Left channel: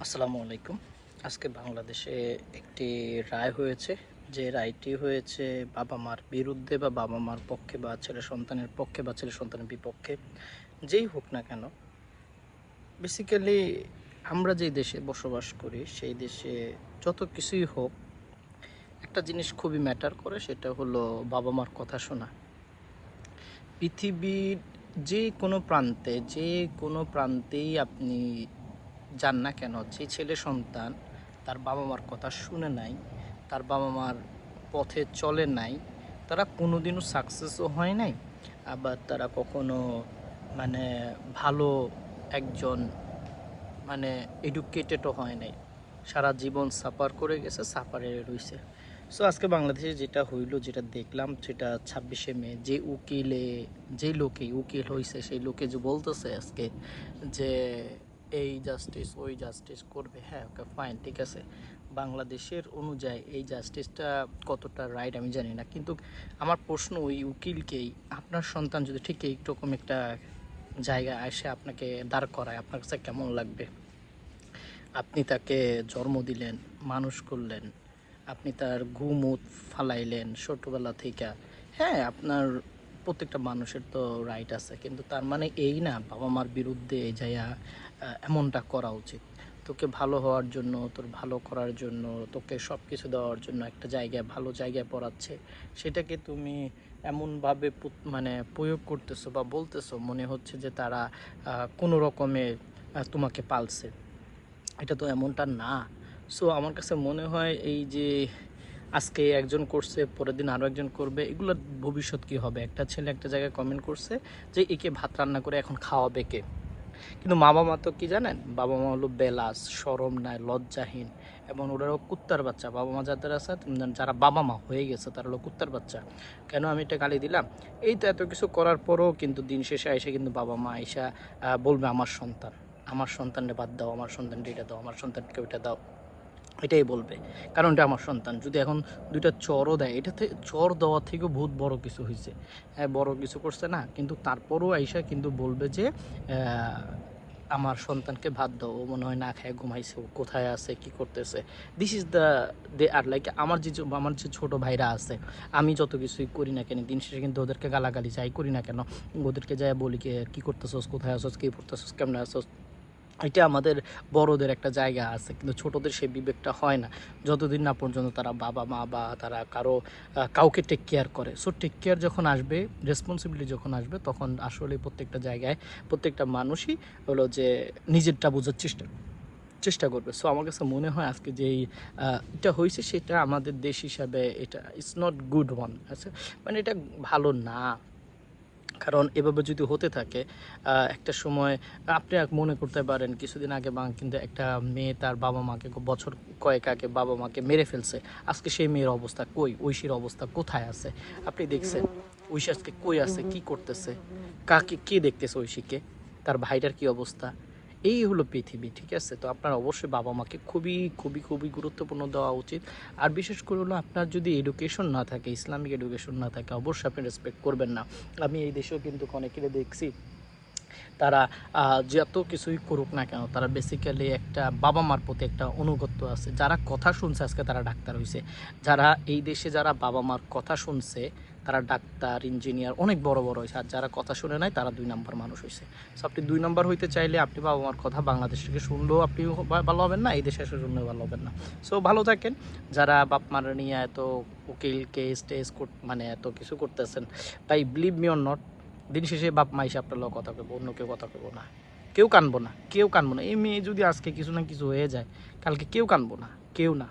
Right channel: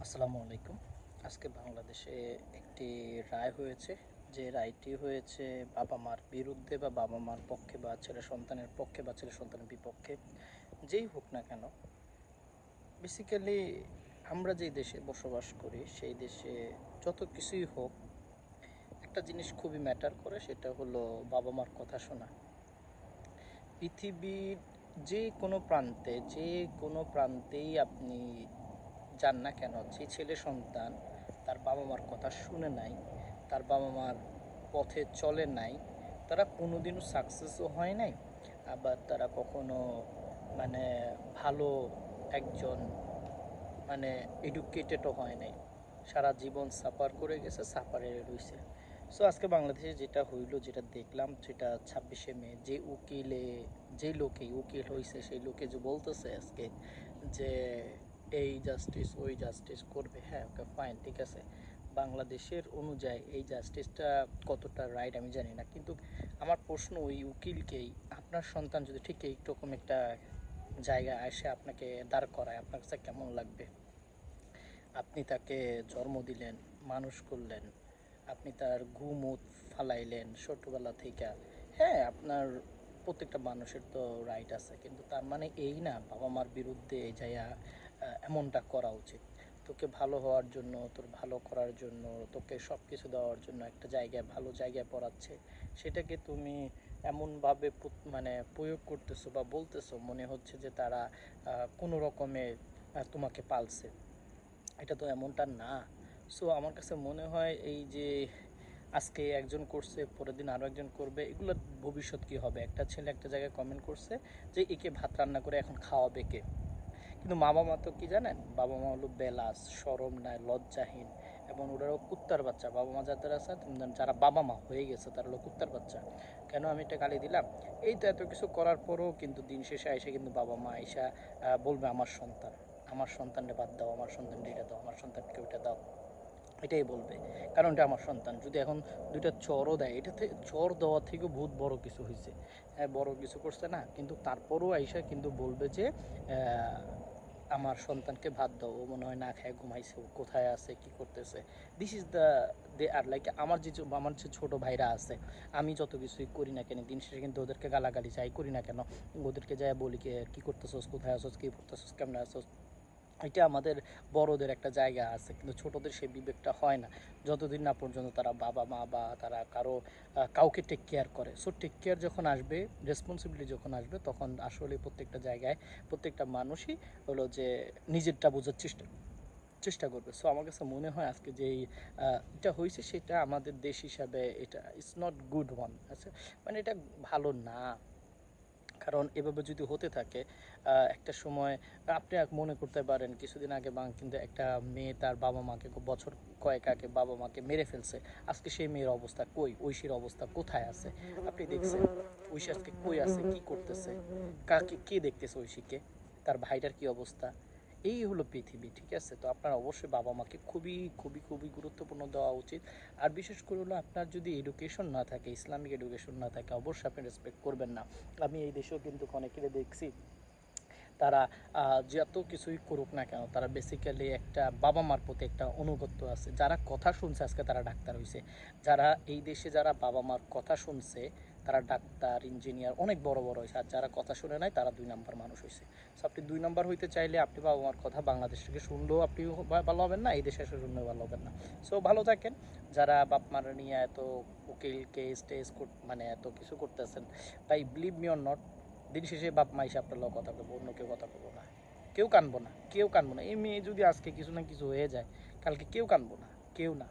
আসসালামু আলাইকুম। আজকে বাংলাদেশে একটি রায় হয়েছে। যে রায়টি হয়েছে বাবা মার বিরুদ্ধে বা বাবা মার পক্ষে বা ছেলে সন্তানের পক্ষে বা ছেলে সন্তানের বিপক্ষে, যেই হোক না কেন বেসিক্যালি আমরা যেই দেশে বসবাস করি, সেই দেশে যত কিছুই হোক, একটা জিনিস খুবই ম্যাটার করে, সেটা হলো বাবা মার কথা শোনা। পৃথিবীর যে কোনো প্রান্তে, যে কোনো প্রান্তেই আপনি যান না কেন, যে ছেলে সন্তান, তার বাবা মার কথা শুনে নাই, তার বাবা মার পথে চলে নাই, তারা কোনোদিনও সাকসেসও হয় নাই, আবার তারা কখনো মানে ভালো একজন মানে এডুকেটেডও হয় নাই। সারা জীবন সাফার করে গেছে সাফারে রইছে। সো আজকে বাংলাদেশে যেটা হইল, যেটা দেখলাম, সেটা ছাব্বিশে মে, যে উকিলে, যে লোকে উকিল হয়েছে সেই লোকে যে বলতেছে আজকে যে এই জাস্টিস ওই জাস্টিস করবে। হ্যাঁ ওকে ফাইন ঠিক আছে। বাংলাদেশের অনুযায়ী এই জাস্টিসটা কতটা রাইট আমি জানি না। কিন্তু আমার প্রশ্ন ওই উকিলকেই, আপনার সন্তান যদি ঠিক এইরকম একটা জায়গায় এসে আপনাকে দাঁড় করায়, আপনার কাছে কেমন লাগবে? আপনি তাকে জন্ম দিলেন, মানুষ করলেন, আপনি তার ঘুমুত ফালাইলেন ছোটবেলা থেকে। হ্যাঁ আপনার প্রত্যেকটা মানুষের তো রাইট আছে, কিন্তু তার মানে এই না বাবা মার বিরুদ্ধে যাইয়া এমনটা করা উচিত। তোকে ভালো হওয়ার জন্য, তোর ভালো করার জন্য, তোকে সব কিছু দেওয়ার জন্য একটা জায়গায়, ভালো জায়গায় পড়াচ্ছে, সেটাকে তুমি এমনভাবে মানে প্রয়োগ করতেছো বা বলতেছো, মনে হচ্ছে যে তারা কোনো রকমে তোমাকে পালছে। এটা তো এমনটা না। সো আমার কাছে মনে হয় এই যে আজকে একজন করছে পরের দিন আরও একজন করবে, এগুলোর ভবিষ্যৎ কি হবে? একটা ছেলে একটা জায়গায় কমেন্ট করছে যে, একে ভাত রান্না করে এখন খাওয়াবে কে? কিন্তু মা বাবা তো কি জানেন? বাবা মা হলো বেলাস সরম নাই, লজ্জাহীন। এবং ওরাও কুত্তার বাচ্চা। বাবা মা যাদের আছে, যারা বাবা মা হয়ে গেছে, তারা হলো কুত্তার বাচ্চা। কেন আমি এটা গালি দিলাম? এই তো এত কিছু করার পরেও কিন্তু দিন শেষে এসে কিন্তু বাবা মা এসে বলবে, আমার সন্তান, আমার সন্তানকে বাদ দাও, আমার সন্তানকে এটা দাও, আমার সন্তানকে ওইটা দাও। এটাই বলবে। কারণ এটা আমার সন্তান, যদি এখন দুইটা চরও দেয় এটাতে চর দেওয়ার থেকেও বহুত বড় কিছু হয়েছে হ্যাঁ বড় কিছু করছে না, কিন্তু তারপরও আইসা কিন্তু বলবে যে আমার সন্তানকে ভাত দাও, ও মনে হয় না খায় ঘুমাইছে, ও কোথায় আছে, কি করতেছে। This is the they are like আমার যে আমার যে ছোট ভাইরা আছে, আমি যত কিছুই করি না কেন, দিন শেষে কিন্তু ওদেরকে গালাগালি যাই করি না কেন, ওদেরকে যাই বলি কি কি করতেছস, কোথায় আসছ কি পড়তেছস, কেমন আসছ এটা আমাদের বড়দের একটা জায়গা আছে, কিন্তু ছোটদের সেই বিবেকটা হয় না। যতদিন না পর্যন্ত তারা বাবা, মা বা তারা কারও কাউকে টেক কেয়ার করে। সো টেক কেয়ার যখন আসবে রেসপন্সিবিলিটি যখন আসবে, তখন আসলে প্রত্যেকটা জায়গায় প্রত্যেকটা মানুষই হলো যে নিজেরটা বোঝার চেষ্টা চেষ্টা করবে। সো আমার কাছে মনে হয় আজকে যে এটা হয়েছে, সেটা আমাদের দেশ হিসাবে এটা ইটস নট গুড ওয়ান আচ্ছা? মানে এটা ভালো না। কারণ এভাবে যদি হতে থাকে একটা সময় আপনি মনে করতে পারেন কিছুদিন আগে বা কিন্তু একটা মেয়ে তার বাবা মাকে বছর কয়েক আগে বাবা মাকে মেরে ফেলছে। আজকে সেই মেয়ের অবস্থা কই? ঐশীর অবস্থা কোথায় আছে? আপনি দেখছেন? ঐশী আজকে কই আছে? কি করতেছে? কাকে, কে দেখতেছে ঐশীকে? তার ভাইটার কি অবস্থা? এই হলো পৃথিবী, ঠিক আছে? তো আপনার অবশ্যই বাবা মাকে খুবই খুবই খুবই গুরুত্বপূর্ণ দেওয়া উচিত। আর বিশেষ করে হলো আপনার যদি এডুকেশন না থাকে, ইসলামিক এডুকেশন না থাকে, অবশ্যই আপনি রেসপেক্ট করবেন না। আমি এই দেশেও কিন্তু অনেকেরে দেখছি, তারা যত কিছুই করুক না কেন, তারা বেসিক্যালি একটা বাবা মার প্রতি একটা অনুগত্য আছে। যারা কথা শুনছে, আজকে তারা ডাক্তার হয়েছে যারা এই দেশে যারা বাবা মার কথা শুনছে তারা ডাক্তার, ইঞ্জিনিয়ার, অনেক বড় বড় হয়েছে। আর যারা কথা শুনে নাই, তারা দুই নম্বর মানুষ হয়েছে। সো আপনি দুই নম্বর হইতে চাইলে আপনি বাবা মার কথা বাংলাদেশ থেকে শুনলেও আপনি ভালো হবেন না, এই দেশে এসে শুনলেও ভালো হবেন না। সো ভালো থাকেন। যারা বাপ মার নিয়ে এত উকিল কেস টেস মানে এত কিছু করতেছেন, তাই বিলিভ মি অর নট দিন শেষে বাপ মা এসে আপনার কথা কইব, অন্য কেউ কথা কইব না। কেউ কানবো না, কেউ কানবো না। এই মেয়ে যদি আজকে কিছু না কিছু হয়ে যায়, কালকে কেউ কানবো না, কেউ না।